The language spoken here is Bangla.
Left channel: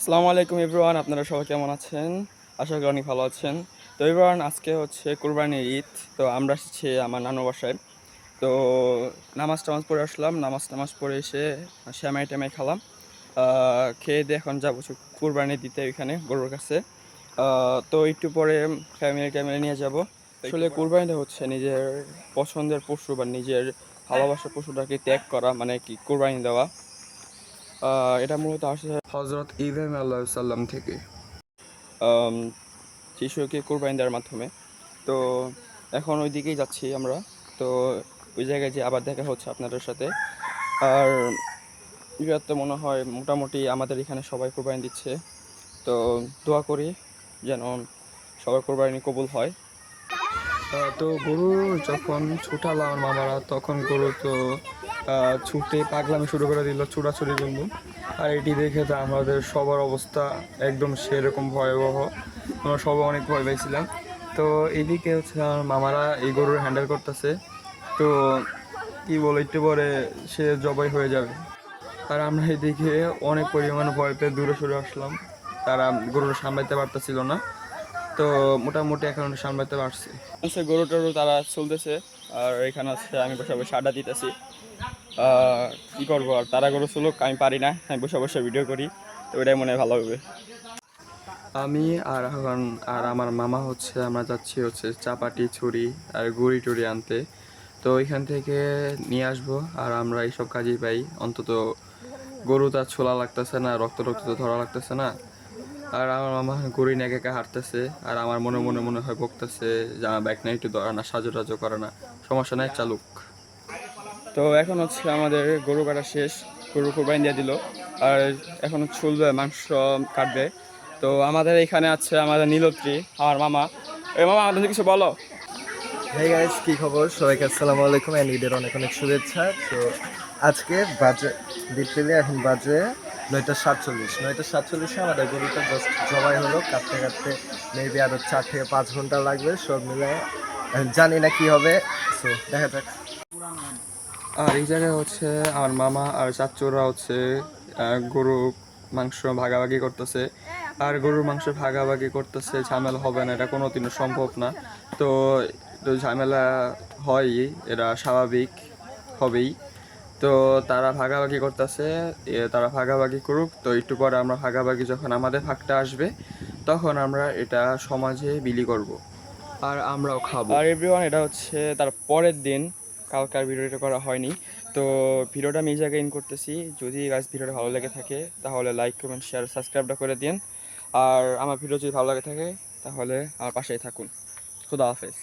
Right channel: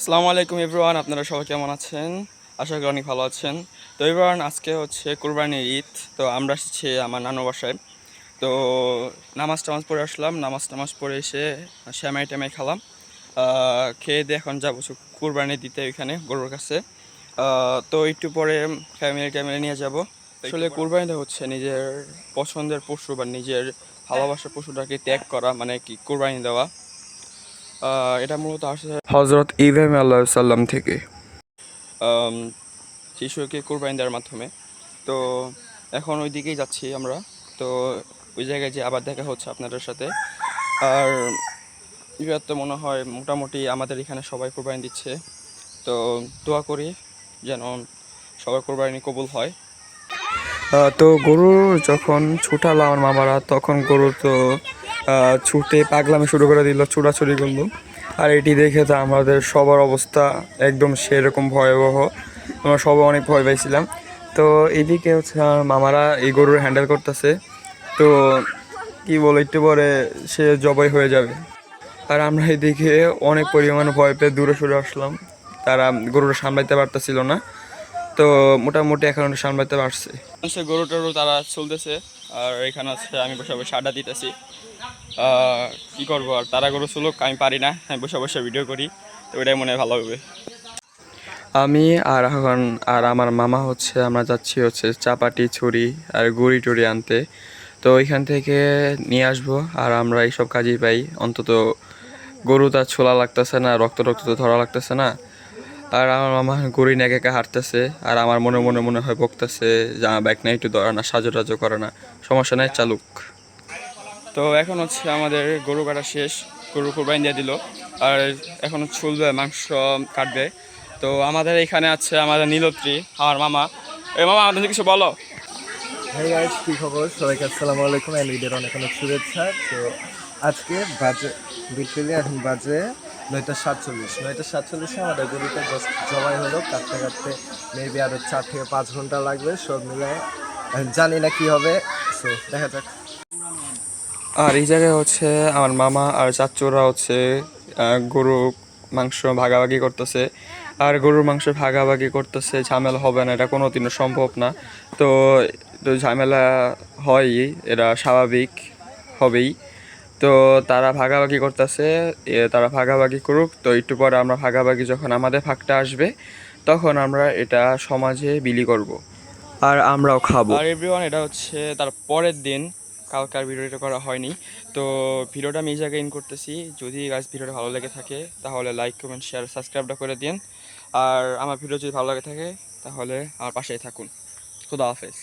আসসালামু আলাইকুম এভরিওয়ান, আপনারা সবাই কেমন আছেন? আশা করি অনেক ভালো আছেন। তো এভরিওয়ান, আজকে হচ্ছে কুরবানির ঈদ। তো আমরা এসেছি আমার নানু বাসায়। তো নামাজ টামাজ পড়ে আসলাম, নামাজ টামাজ পড়ে এসে শ্যামাই ট্যামাই খেলাম। খেয়ে দিয়ে এখন যাবো কুরবানি দিতে ওইখানে গরুর কাছে। তো একটু পরে ফ্যামিলি ট্যামিলি নিয়ে যাব। আসলে কুরবানিটা হচ্ছে নিজের পছন্দের পশু বা নিজের ভালোবাসার পশুটাকে ত্যাগ করা, মানে কি কুরবানি দেওয়া। এটা মূলত আসে হজরত ইব্রাহিম আল্লাহ সাল্লাম থেকে আম, শিশুকে কোরবানি দেওয়ার মাধ্যমে। তো এখন ওই দিকেই যাচ্ছি আমরা। তো ওই জায়গায় যে আবার দেখা হচ্ছে আপনাদের সাথে। আর এবার তো মনে হয় মোটামুটি আমাদের এখানে সবাই কোরবানি দিচ্ছে। তো দোয়া করি যেন সবার কোরবানি কবুল হয়। তো গরু যখন ছুটালো আমার মামারা, তখন গরু তো ছুটে পাগলামি শুরু করে দিল, ছুটাছুটি করলো। আর এটি দেখে তো আমাদের সবার অবস্থা একদম সেরকম ভয়াবহ। আমরা সবাই অনেক ভয় পাইছিলাম। তো এদিকে হচ্ছে আমার মামারা এই গরুর হ্যান্ডেল করতেছে। তো কি বলে, একটু পরে সে জবাই হয়ে যাবে। আর আমরা এদিকে অনেক পরিমাণে ভয় পেয়ে দূরে সরে আসলাম। তারা গরুটা সামলাইতে পারতেছিল না। তো মোটামুটি এখন সামলাতে পারছে। হচ্ছে গরু টরু তারা চলতেছে। আর এখানে হচ্ছে আমি বসে বসে আড্ডা দিতেছি। কি করবো, আর তারা গরু চলুক, আমি পারি না, আমি বসে বসে ভিডিও করি। তো ওইটাই মনে হয় ভালো হবে। আমি আর এখন আর আমার মামা হচ্ছে আমরা যাচ্ছি হচ্ছে চাপাটি ছুরি আর গুড়ি টুড়ি আনতে। তো ওইখান থেকে নিয়ে আসবো। আর আমরা এইসব কাজেই পাই অন্তত। গরু তার ছোলা লাগতেছে না, রক্ত রক্ত তো ধরা লাগতেছে না। আর আমার মামা গড়ি নিয়ে একা হাঁটতেছে। আর আমার মনে মনে মনে হয় বকতেছে যে আমার ব্যাগ না, একটু ধরে না, সাজু টাজু করে না, সমস্যা নেই, চালুক। তো এখন হচ্ছে আমাদের গরু কাটা শেষ, গরু কোরবানি দিয়ে দিল। আর এখন ছুলবে, মাংস কাটবে। তো আমাদের এখানে আছে আমাদের নীলত্রী, আমার মামা। এই মামা, আমাদের কিছু বলো। হাই গাইস, কি খবর? সবাইকে আসসালামু আলাইকুম এন্ড ঈদের অনেক অনেক শুভেচ্ছা। তো আজকে বাজে লিটারেলি এখন বাজে 9:47 আমাদের গরুটা জাস্ট জবাই হলো। কাটতে কাটতে মেবি আরো 4 থেকে 5 ঘন্টা লাগবে সব মিলে। জানি না কি হবে, সো দেখা যাক। আর এই জায়গায় হচ্ছে আমার মামা আর চাচুরা হচ্ছে গরু মাংস ভাগাভাগি করতেছে। আর গরুর মাংস ভাগাভাগি করতেছে, ঝামেলা হবে না, এটা কোনো দিনও সম্ভব না। তো তো ঝামেলা হয়ই, এটা স্বাভাবিক, হবেই। তো তারা ভাগাভাগি করতেছে, তারা ভাগাভাগি করুক। তো একটু পরে আমরা ভাগাভাগি, যখন আমাদের ভাগটা আসবে তখন আমরা এটা সমাজে বিলি করব। আর আমরাও খাবো। আর এভরিওয়ান, এটা হচ্ছে তার পরের দিন। কালকার ভিডিওটা করা হয়নি। তো ভিডিওটা আমি এই জায়গায় ইন করতেছি। যদি গাইস ভিডিওটা ভালো লেগে থাকে তাহলে লাইক কমেন্ট শেয়ার সাবস্ক্রাইবটা করে দিন। আর আমার ভিডিও যদি ভালো লাগে থাকে তাহলে আমার পাশেই থাকুন। খুদা হাফেজ।